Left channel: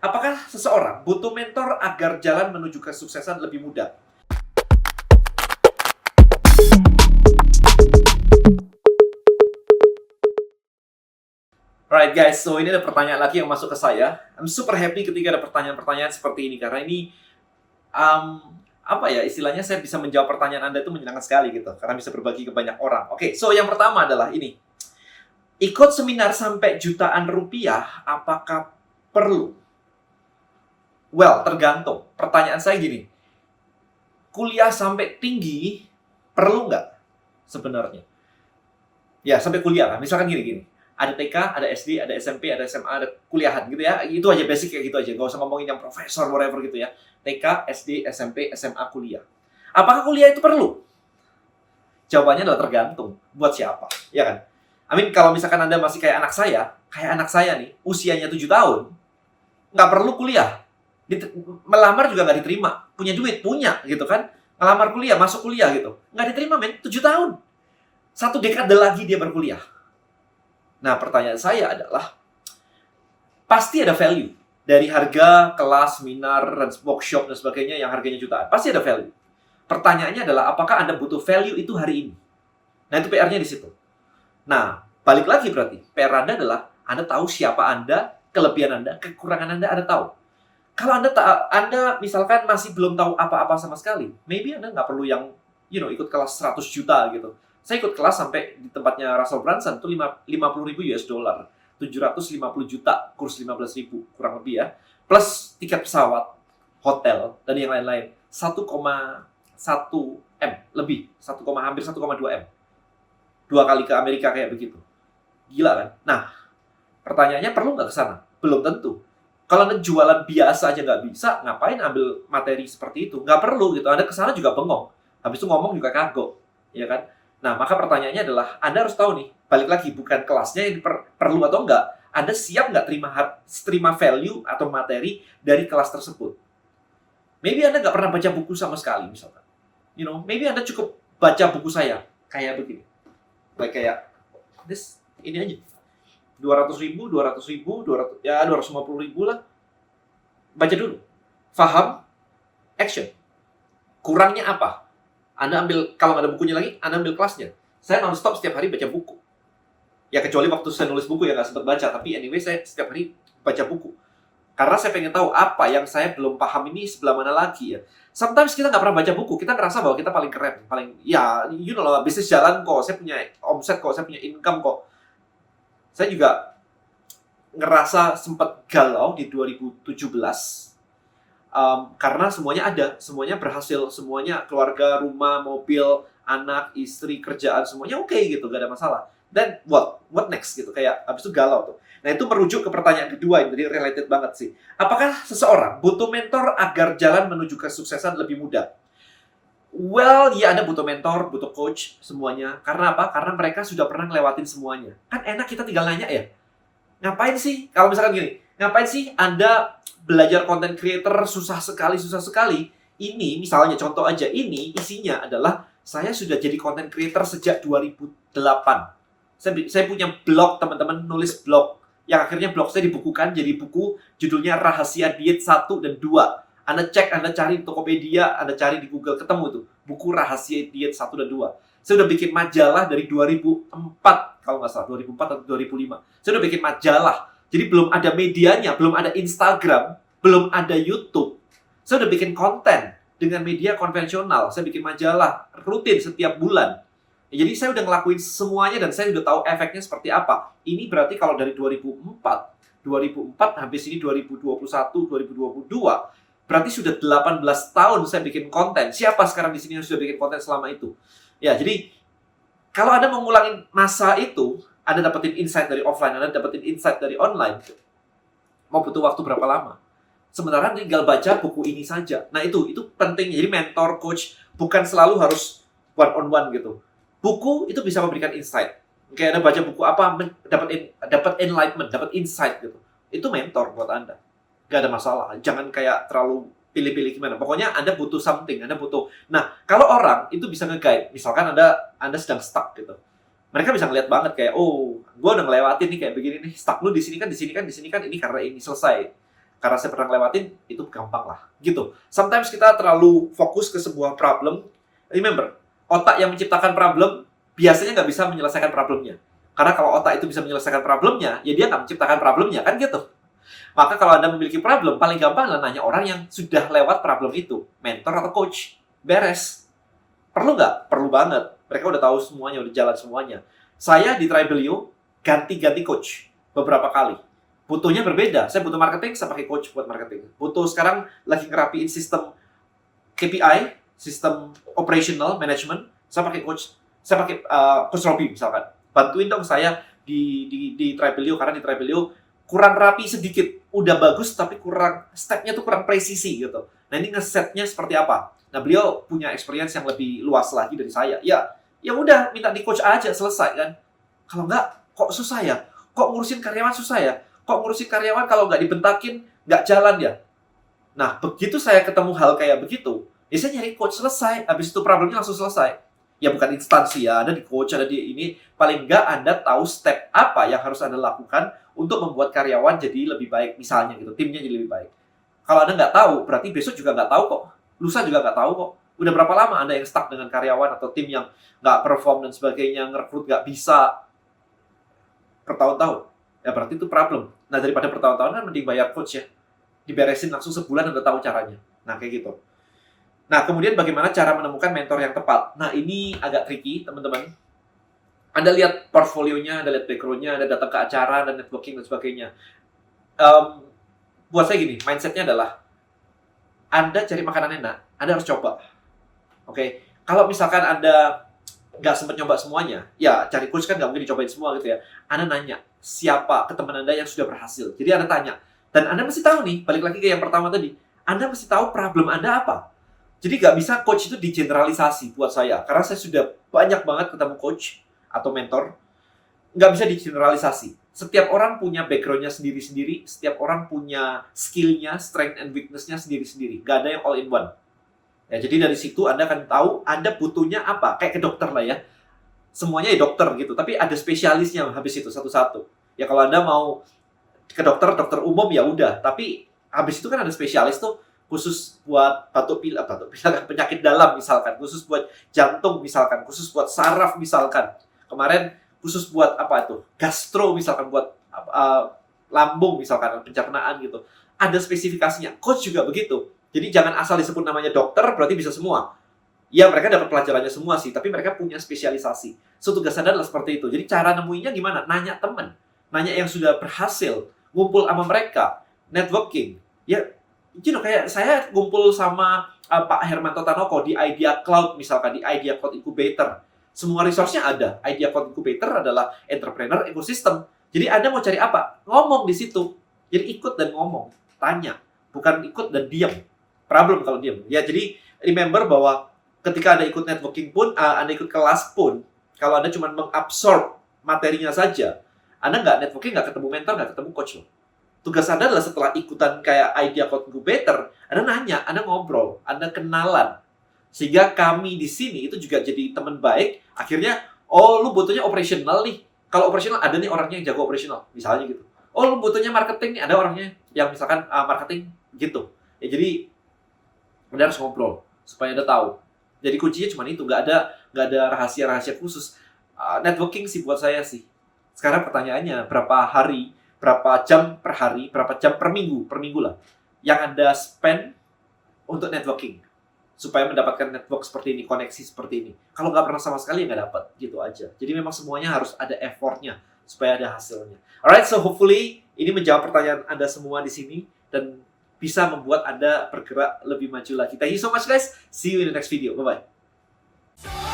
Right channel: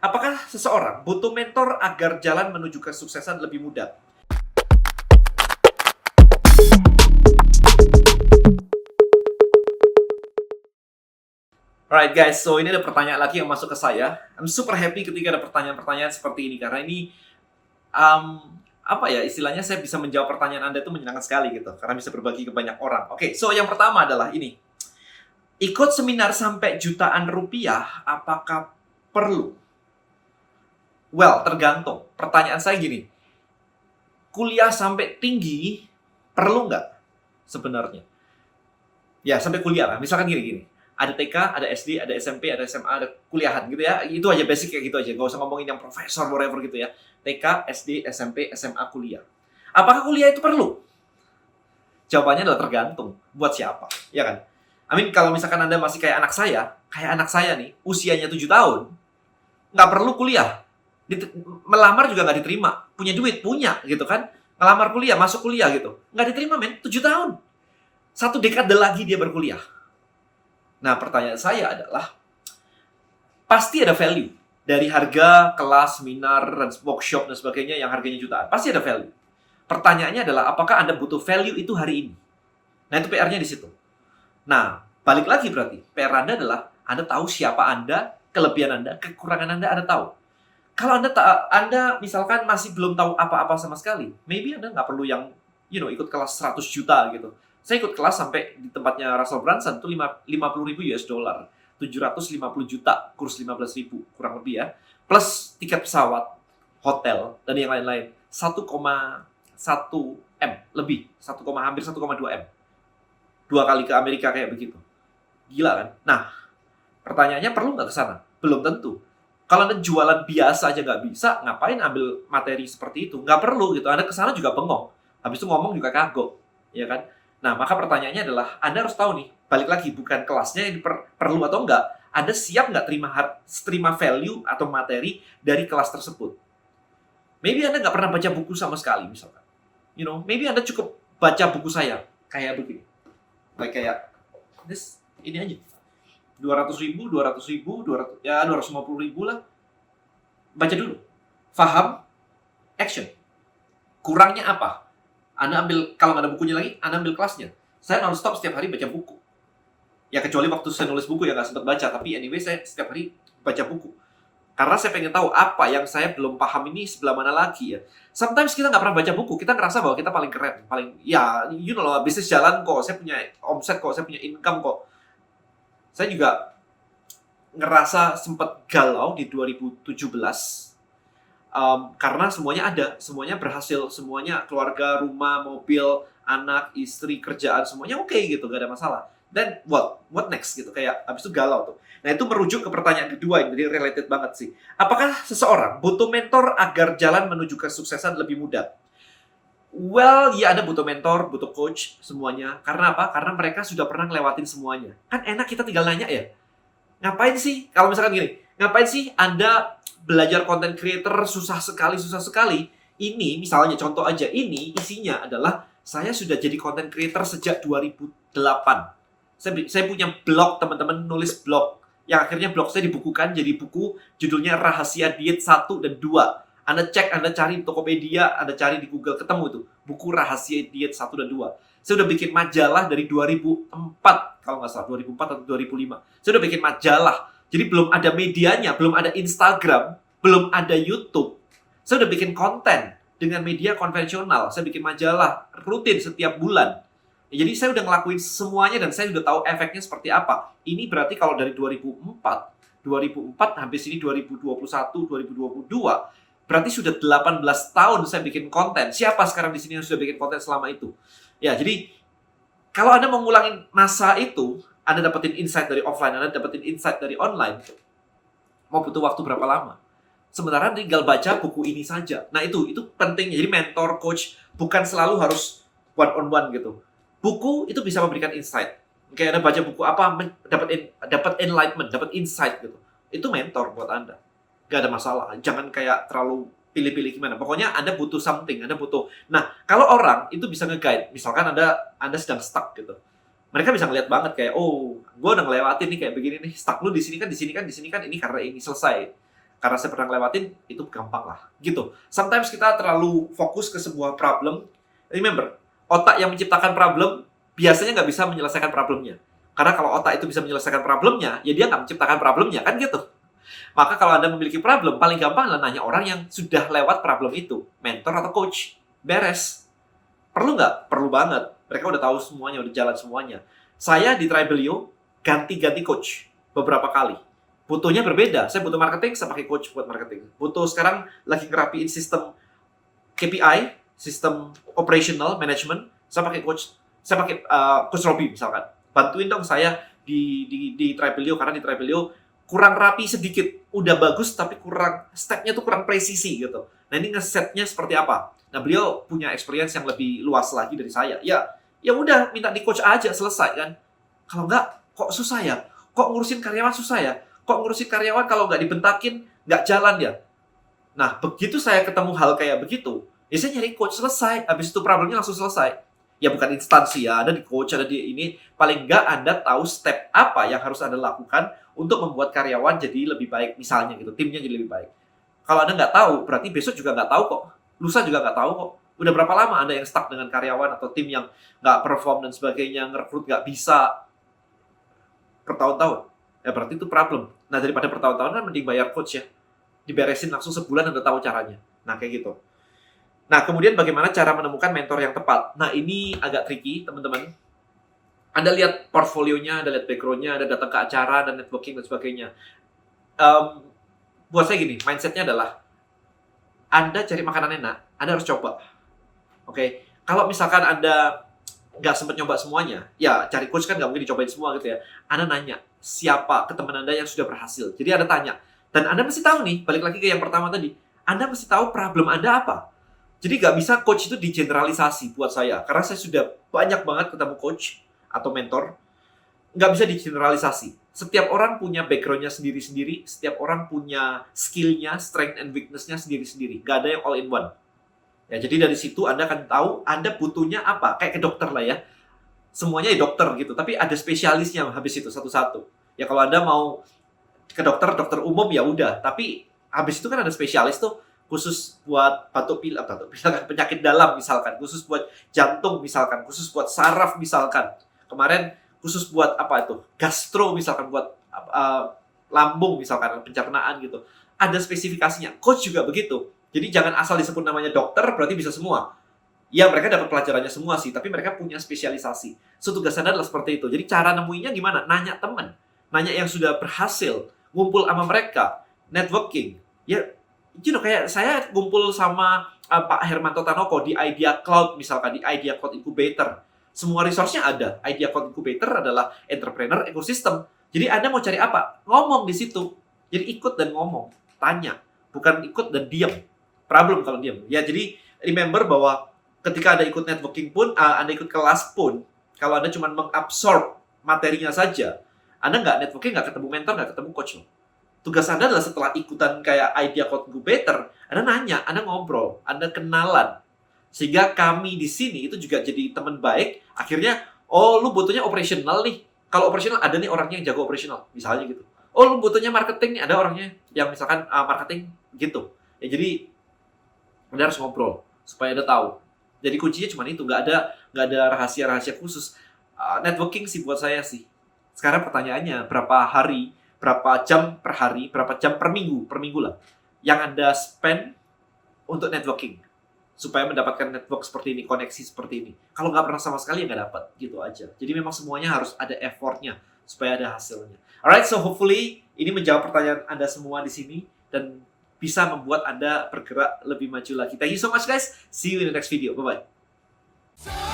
Apakah seseorang butuh mentor agar jalan menuju kesuksesan lebih mudah? Alright guys, so ini ada pertanyaan lagi yang masuk ke saya. I'm super happy ketika ada pertanyaan-pertanyaan seperti ini karena ini apa ya istilahnya, saya bisa menjawab pertanyaan Anda itu menyenangkan sekali gitu karena bisa berbagi ke banyak orang. Oke, so yang pertama adalah ini. Ikut seminar sampai jutaan rupiah apakah perlu? Well, tergantung. Pertanyaan saya gini. Kuliah sampai tinggi perlu nggak sebenarnya? Ya, sampai kuliah lah. Misalkan gini-gini. Ada TK, ada SD, ada SMP, ada SMA, ada kuliahan gitu ya. Itu aja basic kayak gitu aja. Nggak usah ngomongin yang profesor, whatever gitu ya. TK, SD, SMP, SMA, kuliah. Apakah kuliah itu perlu? Jawabannya adalah tergantung. Buat siapa? Ya kan? Kalau misalkan Anda masih kayak anak saya nih, usianya 7 tahun, nggak perlu kuliah. Melamar juga nggak diterima. Punya duit? Punya gitu kan. Ngelamar kuliah, masuk kuliah gitu. Nggak diterima men, 7 tahun. 1 dekade lagi dia berkuliah. Nah, pertanyaan saya adalah, pasti ada value dari harga kelas, seminar, dan workshop, dan sebagainya yang harganya jutaan. Pasti ada value. Pertanyaannya adalah, apakah Anda butuh value itu hari ini? Nah, itu PR-nya di situ. Nah, balik lagi berarti. PR Anda adalah, Anda tahu siapa Anda, kelebihan Anda, kekurangan Anda tahu. Kalau Anda misalkan masih belum tahu apa-apa sama sekali, maybe Anda nggak perlu yang, ikut kelas 100 juta gitu. Saya ikut kelas sampai di tempatnya Russell Brunson itu 50.000 US dollar, 750 juta, kurs 15.000 kurang lebih ya, plus tiket pesawat, hotel, dan yang lain-lain. 1,1 M lebih, hampir 1,2 M. 2 kali ke Amerika kayak begitu. Gila kan? Nah, pertanyaannya perlu nggak ke sana? Belum tentu. Kalau Anda jualan biasa aja nggak bisa, ngapain ambil materi seperti itu? Nggak perlu gitu. Anda ke sana juga bengong. Habis itu ngomong juga kagok. Ya kan? Nah, maka pertanyaannya adalah, Anda harus tahu nih, balik lagi, bukan kelasnya yang perlu atau enggak. Anda siap nggak terima value atau materi dari kelas tersebut? Maybe Anda nggak pernah baca buku sama sekali, misalkan. Maybe Anda cukup baca buku saya. Kayak begini. Kayak, ini aja. 200.000, 200.000, 250.000 lah. Baca dulu. Faham, action. Kurangnya apa? Anda ambil, kalau nggak ada bukunya lagi, Anda ambil kelasnya. Saya non-stop setiap hari baca buku. Ya, kecuali waktu saya nulis buku ya nggak sempat baca. Tapi anyway, saya setiap hari baca buku. Karena saya pengen tahu apa yang saya belum paham ini sebelah mana lagi ya. Sometimes kita nggak pernah baca buku, kita ngerasa bahwa kita paling keren. Bisnis jalan kok, saya punya omset kok, saya punya income kok. Saya juga ngerasa sempat galau di 2017. Karena semuanya ada, semuanya berhasil, semuanya keluarga, rumah, mobil, anak, istri, kerjaan, semuanya oke gitu, gak ada masalah. Then what next gitu, kayak abis itu galau tuh. Nah, itu merujuk ke pertanyaan kedua, ini jadi related banget sih. Apakah seseorang butuh mentor agar jalan menuju kesuksesan lebih mudah? Well, ya, Anda butuh mentor, butuh coach, semuanya. Karena apa? Karena mereka sudah pernah ngelewatin semuanya. Kan enak kita tinggal nanya ya. Ngapain sih? Kalau misalkan gini, ngapain sih Anda belajar content creator susah sekali. Ini misalnya contoh aja, ini isinya adalah saya sudah jadi content creator sejak 2008. Saya punya blog, teman-teman, nulis blog. Yang akhirnya blog saya dibukukan jadi buku judulnya Rahasia Diet 1 dan 2. Anda cek, Anda cari di Tokopedia, Anda cari di Google, ketemu itu. Buku Rahasia Diet 1 dan 2. Saya udah bikin majalah dari 2004, kalau nggak salah, 2004 atau 2005. Saya udah bikin majalah. Jadi belum ada medianya, belum ada Instagram, belum ada YouTube. Saya udah bikin konten dengan media konvensional. Saya bikin majalah rutin setiap bulan. Jadi saya udah ngelakuin semuanya dan saya udah tahu efeknya seperti apa. Ini berarti kalau dari 2004 sampai sini 2021, 2022, berarti sudah 18 tahun saya bikin konten. Siapa sekarang di sini yang sudah bikin konten selama itu? Ya, jadi kalau Anda mau ngulangin masa itu, Anda dapetin insight dari offline, Anda dapetin insight dari online, mau butuh waktu berapa lama? Sementara tinggal baca buku ini saja. Nah, itu penting. Jadi mentor, coach, bukan selalu harus one-on-one gitu. Buku itu bisa memberikan insight. Kayak Anda baca buku apa, dapat enlightenment, dapat insight gitu. Itu mentor buat Anda. Gak ada masalah. Jangan kayak terlalu pilih-pilih gimana. Pokoknya Anda butuh something, Anda butuh. Nah, kalau orang itu bisa nge-guide. Misalkan Anda sedang stuck gitu. Mereka bisa ngeliat banget kayak, oh, gue udah ngelewatin nih kayak begini nih. Stuck lu di sini kan, ini karena ini selesai. Karena saya pernah ngelewatin, itu gampang lah. Gitu. Sometimes kita terlalu fokus ke sebuah problem. Remember, otak yang menciptakan problem, biasanya nggak bisa menyelesaikan problemnya. Karena kalau otak itu bisa menyelesaikan problemnya, ya dia nggak menciptakan problemnya, kan gitu. Maka kalau Anda memiliki problem, paling gampang adalah nanya orang yang sudah lewat problem itu. Mentor atau coach. Beres. Perlu nggak? Perlu banget. Mereka udah tahu semuanya, udah jalan semuanya. Saya di Tribelio, ganti-ganti coach beberapa kali. Butuhnya berbeda. Saya butuh marketing, saya pakai coach buat marketing. Butuh sekarang lagi ngerapiin sistem KPI, sistem operational management, saya pakai coach. Saya pakai coach Robby misalkan. Bantuin dong saya di Tribelio, karena di Tribelio kurang rapi sedikit. Udah bagus tapi kurang, stepnya tuh kurang presisi gitu. Nah ini ngesetnya seperti apa? Nah beliau punya experience yang lebih luas lagi dari saya. Ya udah minta di coach aja, selesai kan. Kalau enggak, kok susah ya? Kok ngurusin karyawan susah ya? Kok ngurusin karyawan kalau nggak dibentakin, nggak jalan ya? Nah, begitu saya ketemu hal kayak begitu, ya saya nyari coach, selesai. Habis itu problemnya langsung selesai. Ya bukan instansi ya, ada di coach, ada di ini. Paling nggak Anda tahu step apa yang harus Anda lakukan untuk membuat karyawan jadi lebih baik, misalnya gitu, timnya jadi lebih baik. Kalau Anda nggak tahu, berarti besok juga nggak tahu kok. Lusa juga nggak tahu kok. Udah berapa lama Anda yang stuck dengan karyawan atau tim yang nggak perform dan sebagainya, ngerekrut nggak bisa bertahun-tahun? Ya berarti itu problem. Nah daripada bertahun-tahun kan mending bayar coach ya. Diberesin langsung sebulan udah tahu caranya. Nah kayak gitu. Nah kemudian bagaimana cara menemukan mentor yang tepat? Nah ini agak tricky teman-teman. Anda lihat portfolionya, Anda lihat background-nya, Anda datang ke acara, dan networking dan sebagainya. Buat saya gini, mindset-nya adalah Anda cari makanan enak, Anda harus coba. Oke, kalau misalkan Anda nggak sempat nyoba semuanya, ya cari coach kan nggak mungkin dicobain semua gitu ya. Anda nanya, siapa ke teman Anda yang sudah berhasil. Jadi Anda tanya. Dan Anda mesti tahu nih, balik lagi ke yang pertama tadi. Anda mesti tahu problem Anda apa. Jadi nggak bisa coach itu digeneralisasi buat saya. Karena saya sudah banyak banget ketemu coach atau mentor. Nggak bisa digeneralisasi. Setiap orang punya background-nya sendiri-sendiri. Setiap orang punya skill-nya, strength and weakness-nya sendiri-sendiri. Nggak ada yang all in one. Ya, jadi dari situ Anda akan tahu Anda butuhnya apa. Kayak ke dokter lah ya. Semuanya ya dokter gitu. Tapi ada spesialisnya habis itu satu-satu. Ya kalau Anda mau ke dokter umum ya udah. Tapi habis itu kan ada spesialis tuh. Khusus buat batuk pilek, penyakit dalam misalkan. Khusus buat jantung misalkan. Khusus buat saraf misalkan. Kemarin khusus buat apa itu? Gastro misalkan. Buat lambung misalkan. Pencernaan gitu. Ada spesifikasinya. Coach juga begitu. Jadi jangan asal disebut namanya dokter, berarti bisa semua. Ya, mereka dapat pelajarannya semua sih, tapi mereka punya spesialisasi. So, tugas Anda adalah seperti itu. Jadi cara nemuinya gimana? Nanya teman. Nanya yang sudah berhasil. Ngumpul sama mereka. Networking. Ya, kayak saya ngumpul sama Pak Hermanto Tanoko di Idea Cloud, misalkan di Idea Cloud Incubator. Semua resource-nya ada. Idea Cloud Incubator adalah entrepreneur ecosystem. Jadi Anda mau cari apa? Ngomong di situ. Jadi ikut dan ngomong. Tanya. Bukan ikut dan diam. Problem kalau diam. Ya, jadi remember bahwa ketika Anda ikut networking pun, Anda ikut kelas pun, kalau Anda cuma mengabsorb materinya saja, Anda nggak networking, nggak ketemu mentor, nggak ketemu coach loh. Tugas Anda adalah setelah ikutan kayak Idea Code Incubator, Anda nanya, Anda ngobrol, Anda kenalan. Sehingga kami di sini itu juga jadi teman baik. Akhirnya, oh lu butuhnya operational nih. Kalau operational, ada nih orangnya yang jago operational. Misalnya gitu. Oh lu butuhnya marketing nih, ada orangnya yang misalkan marketing gitu. Ya jadi, Anda harus ngobrol supaya Anda tahu. Jadi kuncinya cuma itu, nggak ada rahasia-rahasia khusus. Networking sih buat saya sih. Sekarang pertanyaannya, berapa hari, berapa jam per hari, berapa jam per minggu lah, yang Anda spend untuk networking supaya mendapatkan network seperti ini, koneksi seperti ini. Kalau nggak pernah sama sekali, ya nggak dapat. Gitu aja. Jadi memang semuanya harus ada effortnya supaya ada hasilnya. Alright, so hopefully ini menjawab pertanyaan Anda semua di sini dan bisa membuat Anda bergerak lebih maju lagi. Thank you so much guys. See you in the next video. Bye-bye.